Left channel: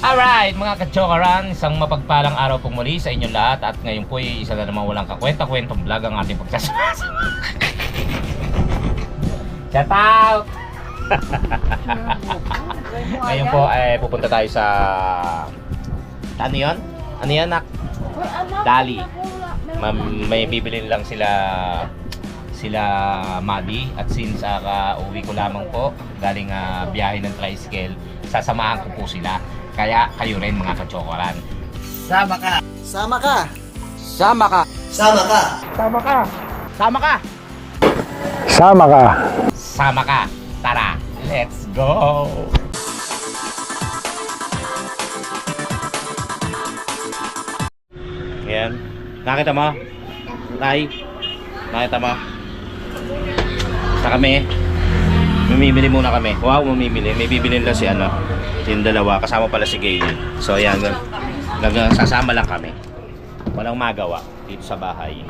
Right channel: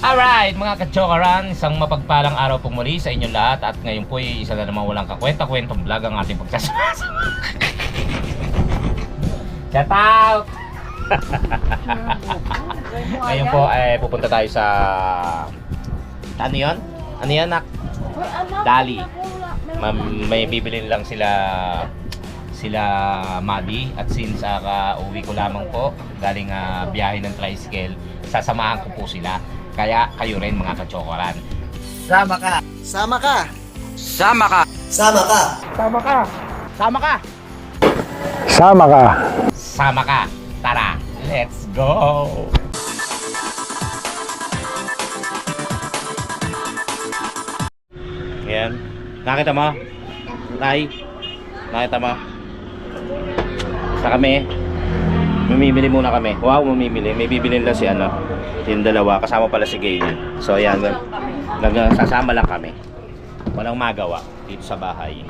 Alright mga kachokaran, isang mapagpalang araw po muli sa inyong lahat. At ngayon po ay isa na namang walang kakwenta-kwentong vlog ang ating pagsasama. Shout out! Ngayon po ay pupunta tayo sa... Ano yun? Ano yan, nak? Dali. May bibilin lang sila Madi. At since uwi ko lamang po galing biyahe ng tricycle, sasamahan ko po sila. Kaya kayo rin mga kachokoran. Sama ka. Sama ka. Sama ka. Sama ka. Sama ka. Sama ka! Sama ka. Sama ka! Tara! Let's go! Ayan. Nakita mo? Tay? Nakita mo? Sa kami. Mamimili muna kami. Wow, mamimili. May bibilin lang si yung dalawa. Kasama pala si Gayle. So ayan. Sasama lang kami. Walang magawa dito sa bahay.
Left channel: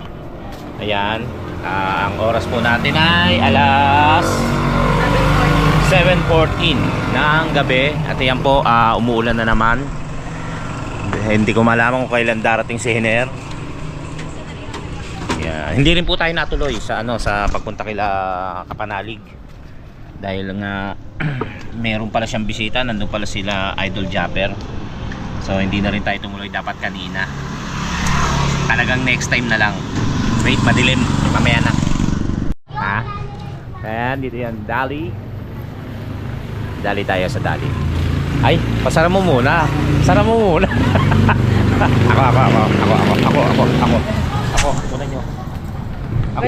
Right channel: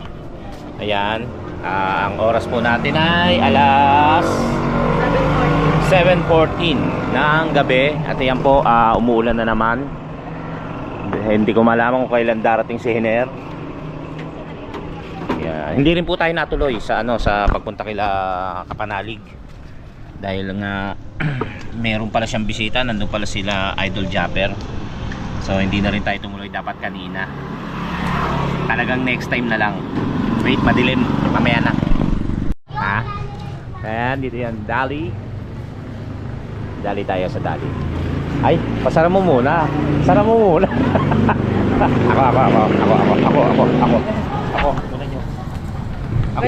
Ayan. Ang oras po natin ay alas 7:14 ng gabi. At ayan po, umuulan na naman. Hindi ko malaman kung kailan darating si Hiner. Ayan. Hindi rin po tayo natuloy sa sa pagpunta kila Kapanalig. Dahil nga meron pala siyang bisita, nandun pala sila Idol Japper. So hindi na rin tayo tumuloy dapat kanina. Talagang next time na lang. Wait, madilim, mamaya na. Ha? Ayan, dito yan, Dali. Dali tayo sa Dali. Ay, pasara mo muna. Pasara mo muna. Ako. Muna nyo. Ako.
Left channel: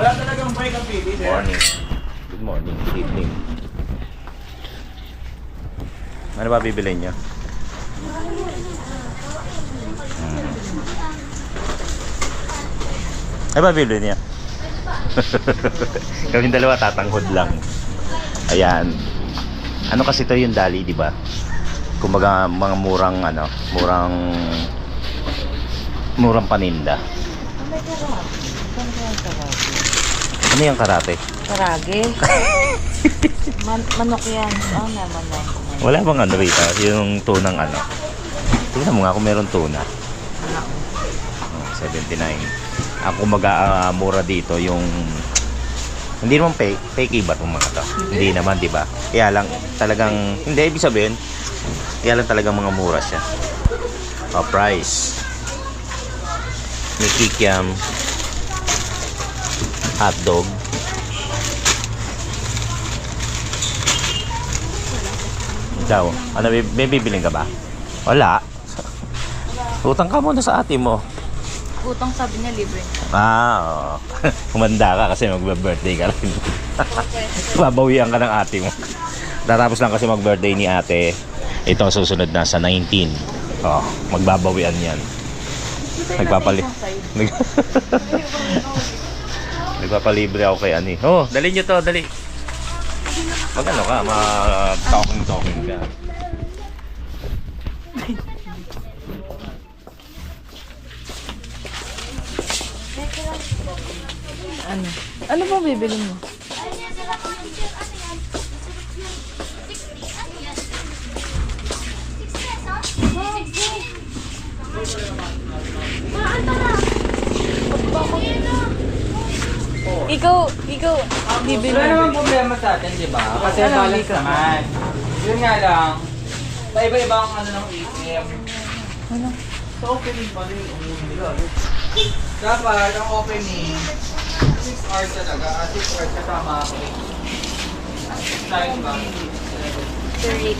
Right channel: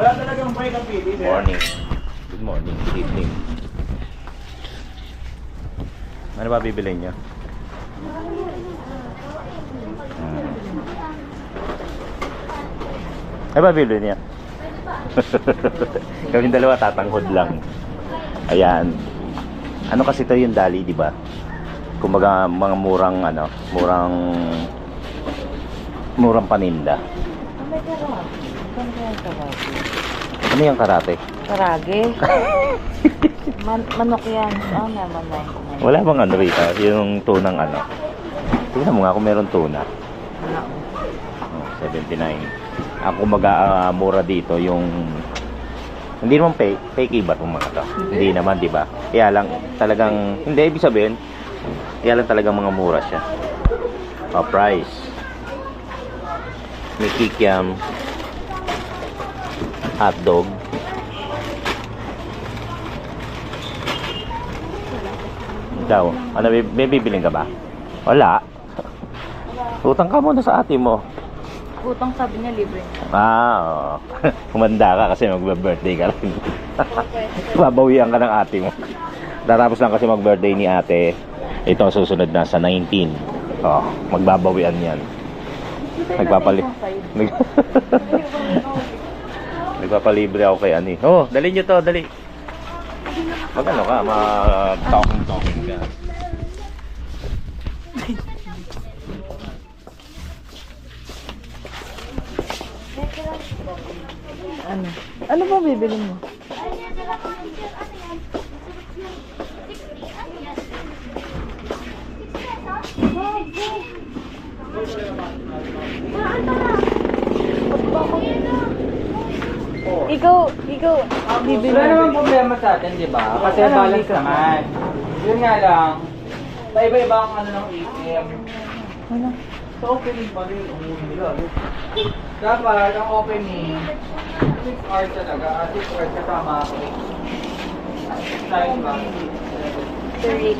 Wala talagang break ang pili. Morning. Good morning. Good evening. Ano ba bibilin nyo? Ano ba bibilin niya? Kaming dalawa tatanghod lang. Ayan. Ano kasi to yung Dali, di ba? Kumbaga mga murang paninda. Ano yung karate? Karage. Manok yan. Naman lang. Wala bang rito? Yung tunang tingnan mo nga kung meron tuna. 79. Ako mura dito yung hindi naman fake iba itong mga to. Hindi naman, di ba? Kaya lang talagang hindi ibig sabihin. Kaya lang talagang mga mura siya. Price. May kikiam. Hotdog. Ikaw, may bibiling ka ba? Wala. Utang ka muna sa ate mo. Utang sabi niya libre. Oo. Kumanda ka kasi magbe-birthday ka rin. Babawian ka ng ate mo. Tatapos lang kasi mag-birthday ni ate. Ito ang susunod na sa 19. Magbabawian yan. Nagpapalibre ako kay Ani. Dali nyo to, dali. Magano ka, talking ka. Ano ba bibili mo? Ikaw, bibili Wala mo. namang problema sa atin, di ba? Kasi balance naman. Yun nga lang, paiba-iba ang ng ATM. Ano? Sa opening pa rin, nila. Dapat, ang opening, 6 hours talaga. 6 hours kasama ako. Time ba? 38.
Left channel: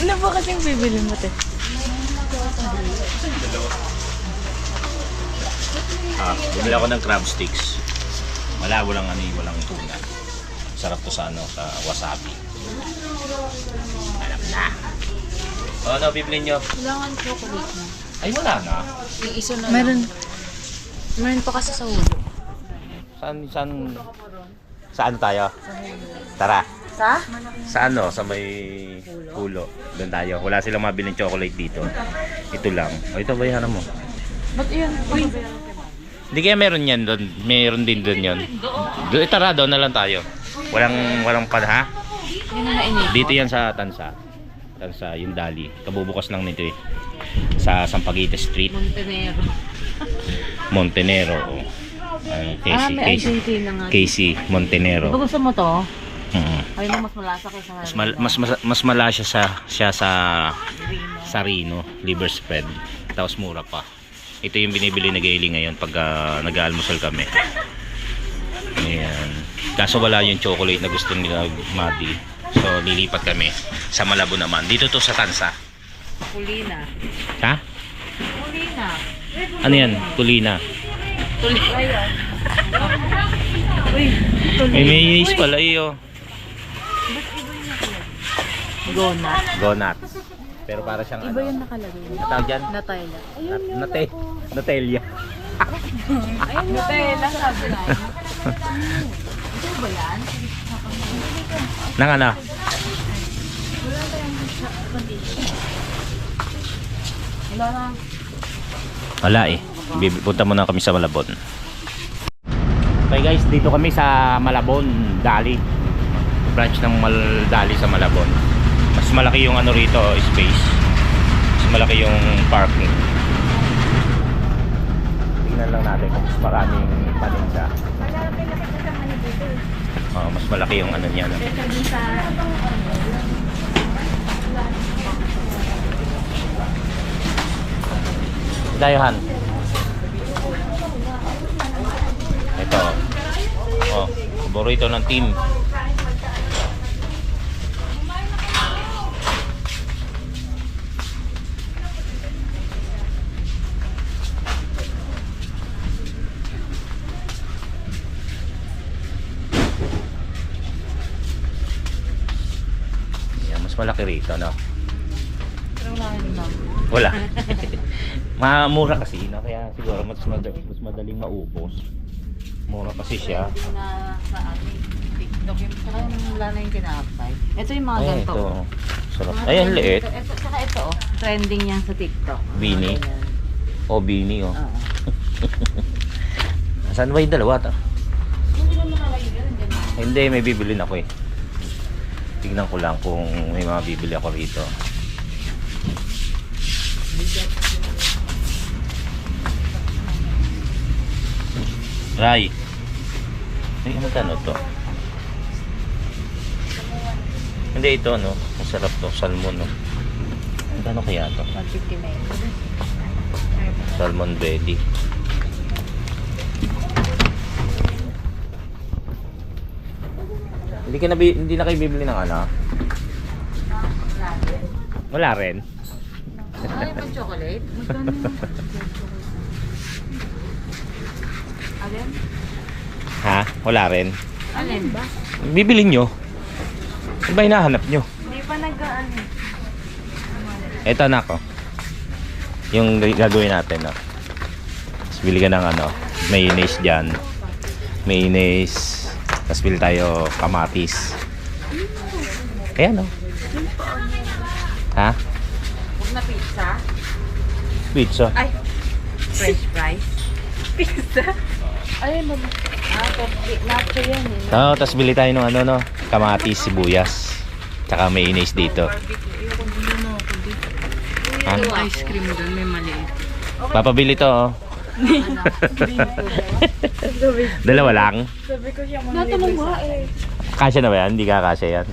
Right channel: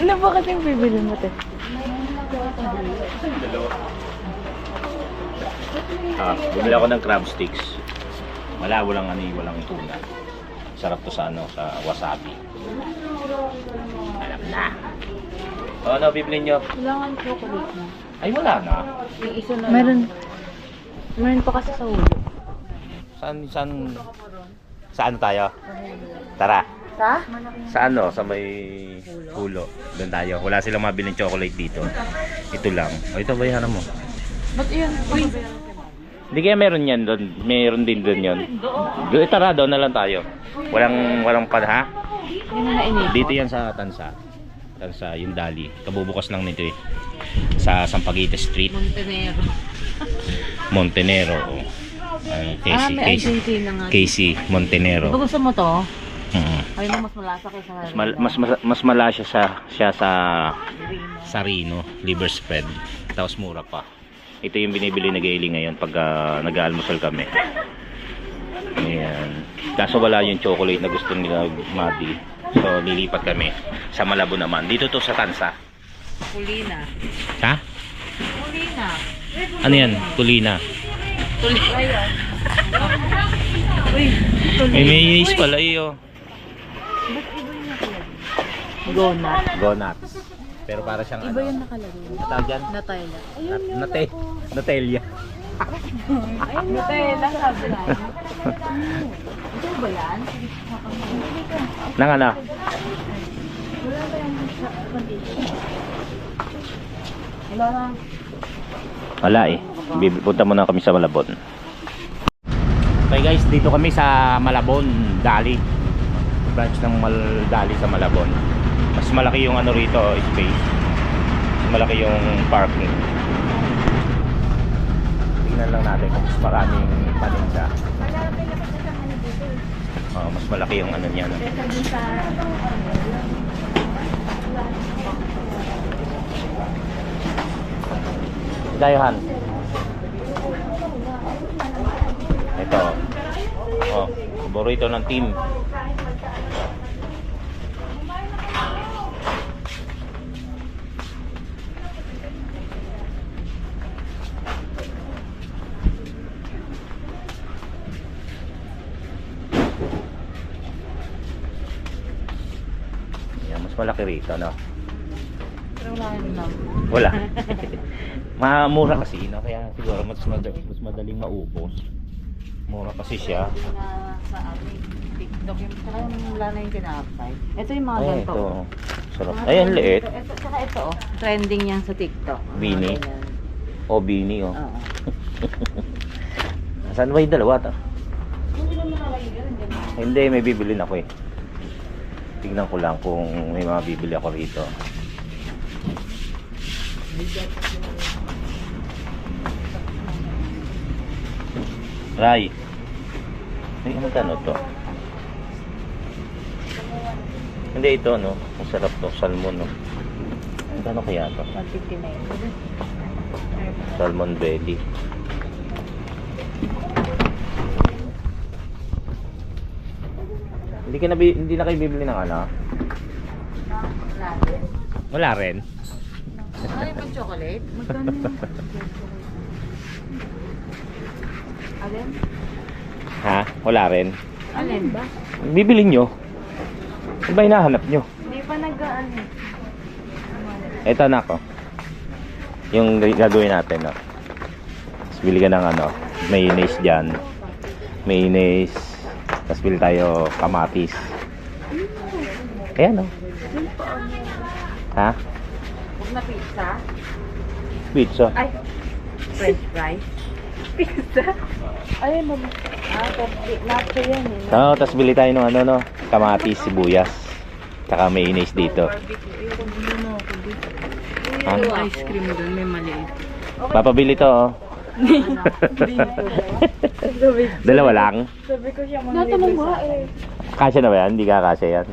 Ano ba kasing bibili mo, te? Bumili ako ng crab sticks. Walang tuna. Sarap to sa wasabi. Alam na. Ano bibili nyo? Kailangan chocolate na. Ay wala na. Yung iso na Meron pa kasi sa ulo. Saan tayo? Tara. Sa ano? Sa may pulo. Doon tayo. Wala silang mabiling chocolate dito. Ito lang. O ito, bayaran mo. Ba't yun? Uy! Hindi kaya meron yan doon. Meron din doon yun. Doon, tara, doon na lang tayo. Walang pa, ha? Yun na nainip. Dito yan sa Tansa. Tansa, yung Dali. Kabubukas lang nito eh. Sa Sampaguita Street. Montenegro. Montenegro. May Argentina nga. Casey Montenegro. Ito gusto mo to? Mm. Ay mo mas malasa kaysa Mas malasa siya sa Rino, liver spread. Tapos mura pa. Ito yung binibili na Gailey ngayon pag nag-aalmusal kami. Ayan. Kaso wala yung chocolate na gusto nila Madi. So lilipat kami sa Malabon naman. Dito to sa Tansa. Kulina. Ha? Kulina. Ano yan? Kulina. Kulina. Uy, May mayonnaise pala iyo. Gonat. Gonat. Pero para siyang Iba yung nakalagay. Ano tawag dyan? Natayla. Ayun yun. Natelia. Ayun Natayla sabi na. Ito ba yan? Nang ano? Wala na. Wala eh. Punta muna kami sa Malabon. Okay guys, dito kami sa Malabon, Dali. Branch ng Dali sa Malabon. Mas malaki yung ano rito, space. Mas malaki yung parking. Tingnan lang natin kung mas maraming paninda. Oh, mas malaki yung ano niya. No? Dayohan. Ito. Oh, paborito ng team. Yan, mas malaki rito, no? Pero wala yun lang. Wala. Mura kasi, no? Kaya siguro mas madaling maubos. Mura kasi siya. Na sa ating TikTok yung saka yung wala na yung kinapay. Ito yung mga Ay, ganito. ito. Sarap. Ay, ang liit. Ito, saka ito oh. Trending yan sa TikTok. Beanie. Mga ganyan. O, Bini, oh. Oo. Saan ba yung dalawa? Hindi naman nalagay yun. Ganyan. Hindi, may bibilin ako eh. Tignan ko lang kung may mga bibili ako rito. Ray. Ay, magkano to? Hindi, ito, no? Masarap to. Salmon, no? Magkano kaya to? 159. Salmon belly. Hindi na kayo bibili ng ano? Wala rin. Ay, may chocolate? Magkano yun? Alin? Ha? Wala rin. Alin ba? Bibili nyo. Ano ba hinahanap nyo? Hindi pa nag-ano. Ito na ko. Yung gagawin natin, no? Tapos bili ka ng ano, mayonnaise dyan. Mayonnaise. Tapos bili tayo kamatis. Ayan, no? Ha? Huwag na pizza. Pizza. Ay, french fries. Pizza? Ay, mama. Nacho yan eh. So, tapos bili tayo ng ano, no? Kamatis, sibuyas. Tsaka mayonnaise dito. Ha? Yung ice cream doon, may maliit. Papabili to, oh. Dalawa lang. Natanong ba eh. Kasya na ba yan? Hindi ka kasya yan.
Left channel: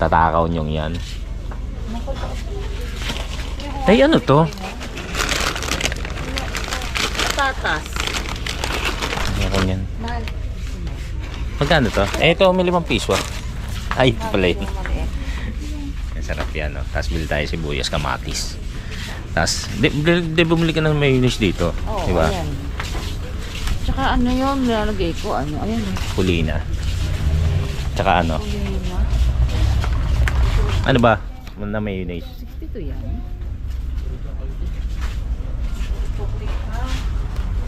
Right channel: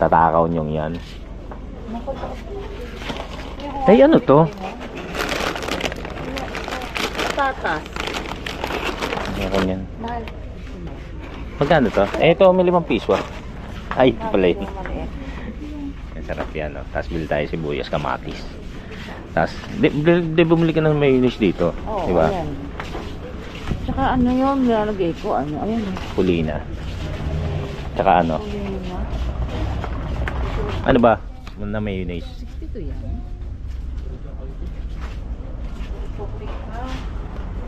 Tatakaw nyong yan. Ay, ano to? Tatas. Meron yan. Mahal. Magkano to? Eh, ito, may 5 piso. Ay, ito pala yun. Ang sarap yan, no? Tapos bili tayo sibuyas, kamatis. Tapos, di bumili ka ng mayonnaise dito. Oo, Diba? ayan. Tsaka ano yun, nilalagay ko, ano, ayan eh. Kulina. Tsaka ano? Kulina. Ano ba? Na mayonnaise. 62 yan.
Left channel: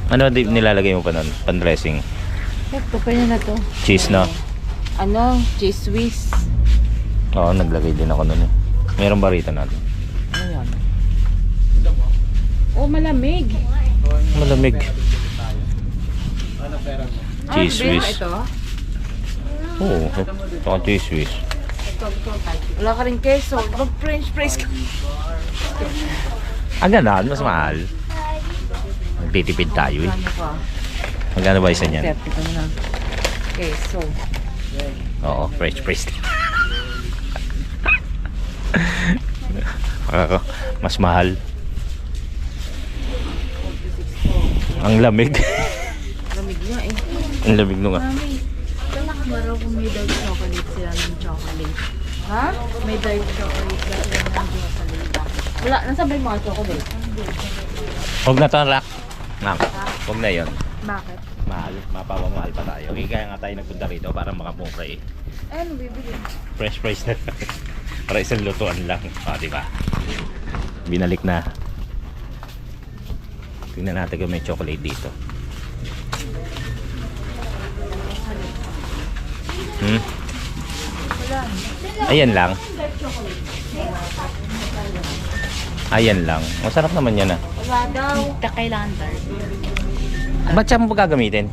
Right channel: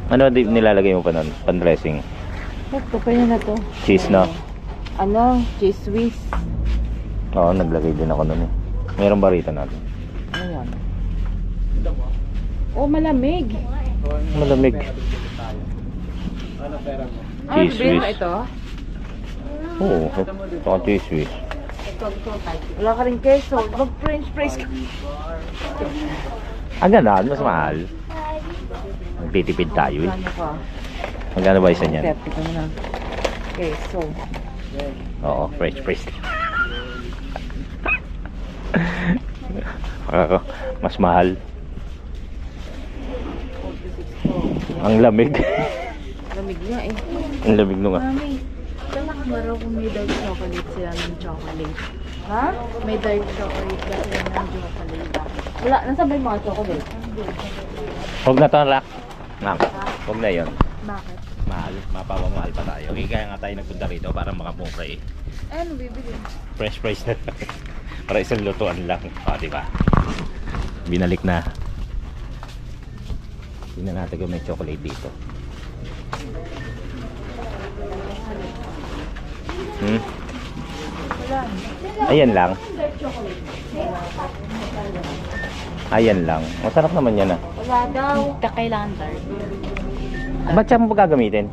Ano nilalagay mo pa nun? Pan-dressing? Ito, kanya na to. Cheese, no? Ano, cheese whiz. Oo, naglagay din ako nun eh. Meron ba rito natin? Ano yan? Oh, malamig. Malamig. Ano pera mo? Cheese Ano, whiz. ito? Oo, ito cheese whiz. Wala ka rin keso. Mag-french fries ka. Ang ganda, mas mahal. Nagtitipid tayo eh. Ano ka? Magkano ba isa niyan? 30 ka na. Keso. Oo, fresh fries. Mas mahal. 46 Ang lamig. Lamig nga eh. Ang lamig nung Mami, kailan ba raw kung may dark chocolate sila ng chocolate? Ha? May dark chocolate ba sila ng chocolate? Wala. Nasaan ba yung mga chocolate? Huwag na to, Rak. Huwag na yun. Bakit? Mahal. Mapapamahal pa tayo. Kaya nga tayo nagpunta rito para makamura eh. Ano bibili? Fresh fries na lang. Para isang lutuan lang. O, diba? Binalik na. Tingnan natin kung may chocolate dito. Ayan lang. Ayan lang. Masarap naman yan ah. Wala daw. Hindi kailangan dark. Ba't siya mo gagamitin?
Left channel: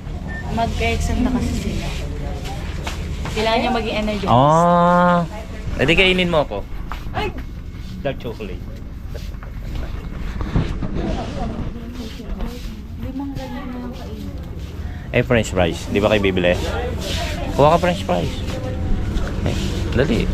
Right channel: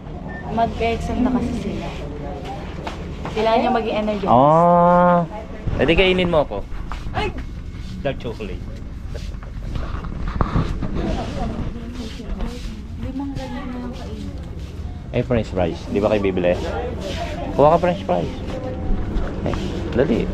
Mag-exam na kasi sila. Kailangan niya maging energy. Ah. Pwede kainin mo ako. Ay! Dark chocolate. Limang ganyan na yung kainin. Eh, french fries. Di ba kayo bibili? Kuha ka french fries. Eh, dali.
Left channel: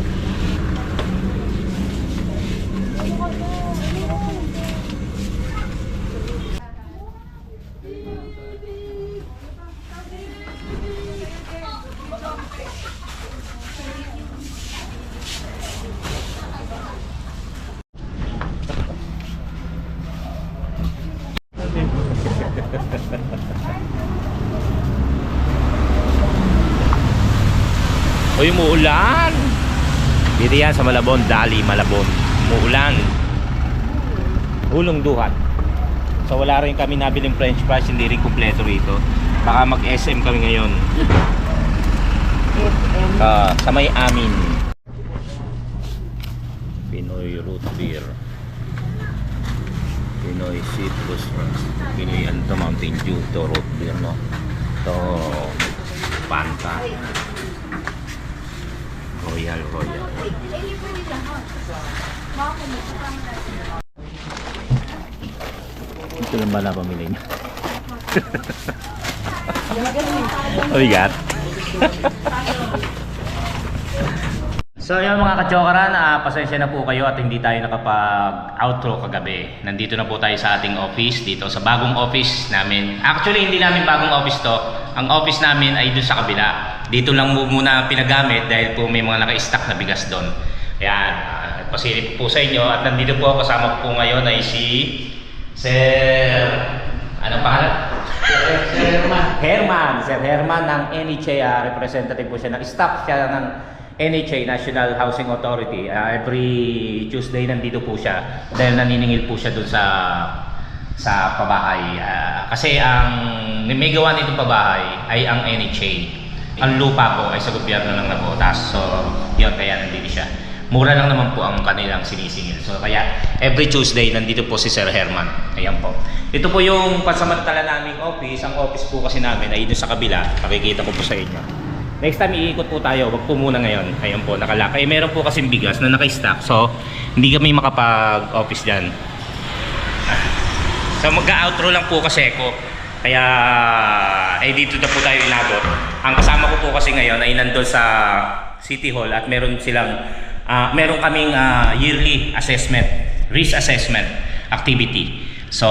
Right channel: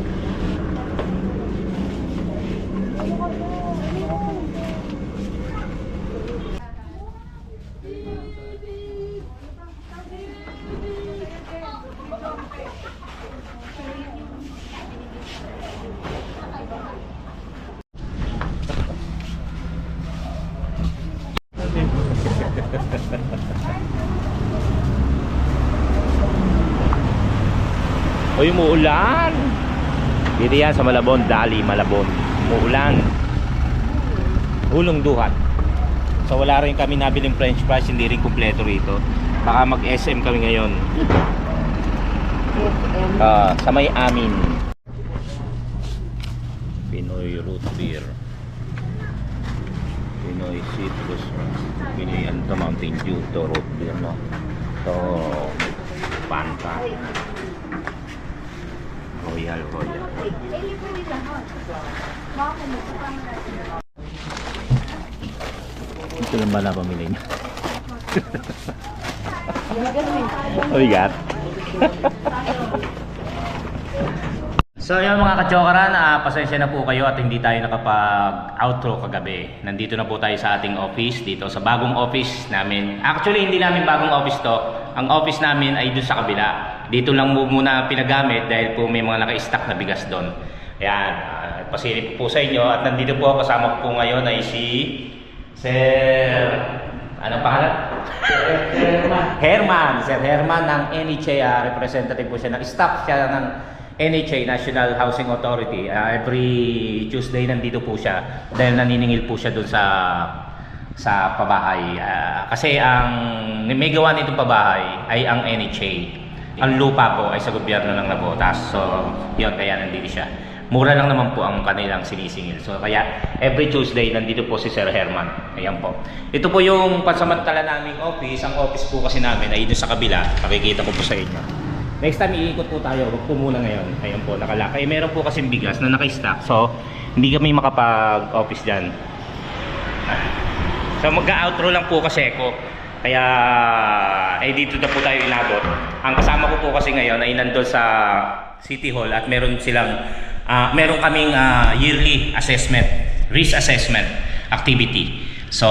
Uy, umuulan. Dito yan sa Malabon, Dali, Malabon. Umuulan. Hulong duhat. So wala rin kami nabiling french fries, hindi rin kumpleto rito. Baka mag-SM kami ngayon. Sa may amin. Pinoy root beer. Pinoy citrus. Pinoy ano, Mountain Dew. Ito root beer, no? Ito Fanta. Royal. Ito lang ba na pamili niyo? Oigat. So yun mga kachokaran, pasensya na po kayo at hindi tayo nakapag-outro kagabi. Nandito na po tayo sa ating office, dito sa bagong office namin. Actually hindi namin bagong office to. Ang office namin ay doon sa kabila. Dito lang muna pinagamit dahil po may mga naka-stack na bigas doon. Ayan, pasilip po sa inyo at nandito po kasama ko po ngayon ay si Sir... Anong pangalan? Herman. Sir Herman ng NHA, representative po siya ng staff siya ng NHA, National Housing Authority. Every Tuesday nandito po siya dahil naniningil po siya doon sa pabahay. Kasi ang may gawa nitong pabahay ay ang NHA. Ang lupa po ay sa gobyerno ng Navotas. So, yun, kaya nandito siya. Mura lang naman po ang kanilang sinisingil. So, kaya every Tuesday nandito po si Sir Herman. Ayan po. Ito po yung pansamantala naming office. Ang office po kasi namin ay doon sa kabila. Pakikita ko po sa inyo. Next time iikot po tayo. Wag po muna ngayon. Ayan po, nakalakay. Meron po kasing bigas na naka-stack. So, hindi kami makapag-office dyan. So, mag-outro lang po kasi ako. Kaya, dito na po tayo inabot. Ang kasama ko po kasi ngayon ay nandun sa City Hall at meron kaming yearly assessment, risk assessment activity. So,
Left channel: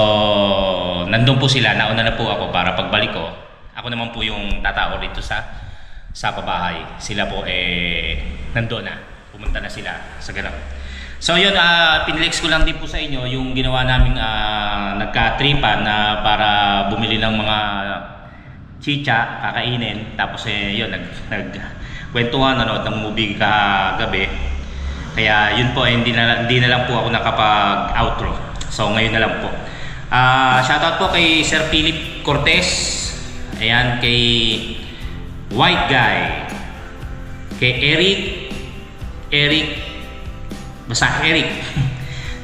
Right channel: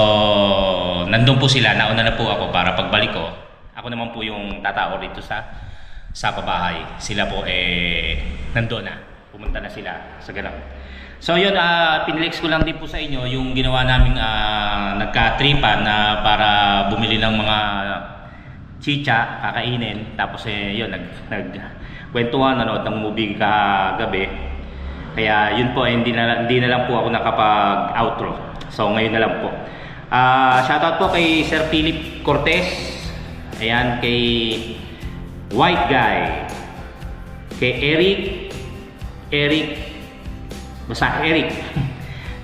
nandun po sila. Nauna na po ako para pagbalik ko. Ako naman po yung tatao rito sa pabahay. Sila po nandun na. Pumunta na sila sa ganap. So yun, pinlex ko lang din po sa inyo yung ginawa naming nagka-tripan na para bumili ng mga chicha, kakainin. Tapos yun, nagkwentuhan, nanood ng movie kagabi. Kaya yun po, hindi na lang po ako nakapag-outro. So ngayon na lang po. Shoutout po kay Sir Philip Cortez. Ayan, kay White Guy. kay Eric, basta Eric,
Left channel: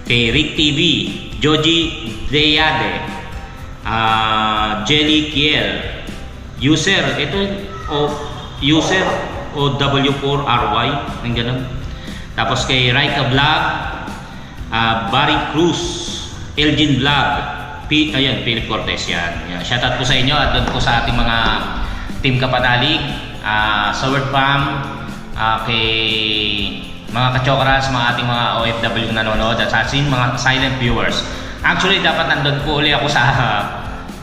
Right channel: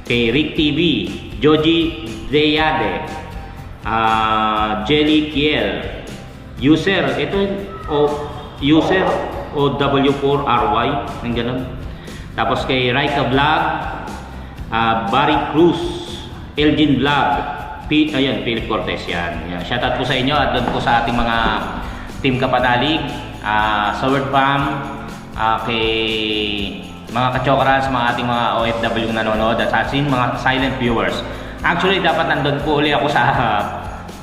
kay Rick TV, Joji Deyade, Jelly Kiel, user OW4RY, ng ganun. Tapos kay Raika Vlog, Barry Cruz, Elgin Vlog, Philip Cortez yan. Shoutout po sa inyo at doon po sa ating mga team kapanalig, sa Word Farm, kay mga kachokrans, mga ating mga OFW na nanonood at sa ating mga silent viewers. Actually, dapat nandun po uli ako sa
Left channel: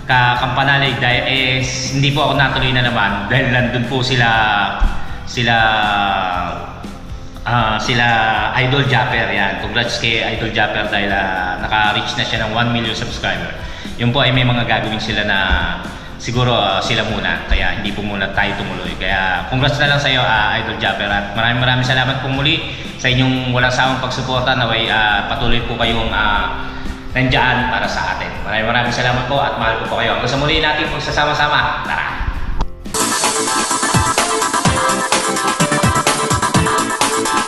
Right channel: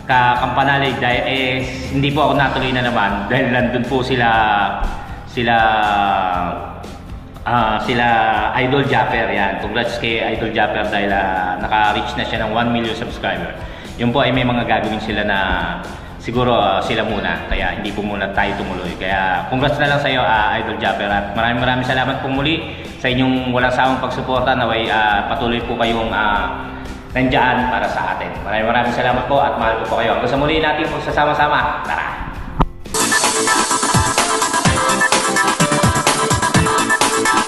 Kampanalig dahil hindi po ako natuloy na naman dahil nandun po sila Idol Japper yan. Congrats kay Idol Japper dahil naka-reach na siya ng 1 million subscriber. Yun po ay may mga gagawin sila na siguro sila muna, kaya hindi po muna tayo tumuloy. Kaya congrats na lang sa iyo, Idol Japper, at maraming salamat po muli sa inyong walang sawang pagsuporta. Naway patuloy po kayong nandyan para sa atin. Maraming salamat po at mahal po kayo. Hanggang sa muli natin pagsasama-sama. Tara!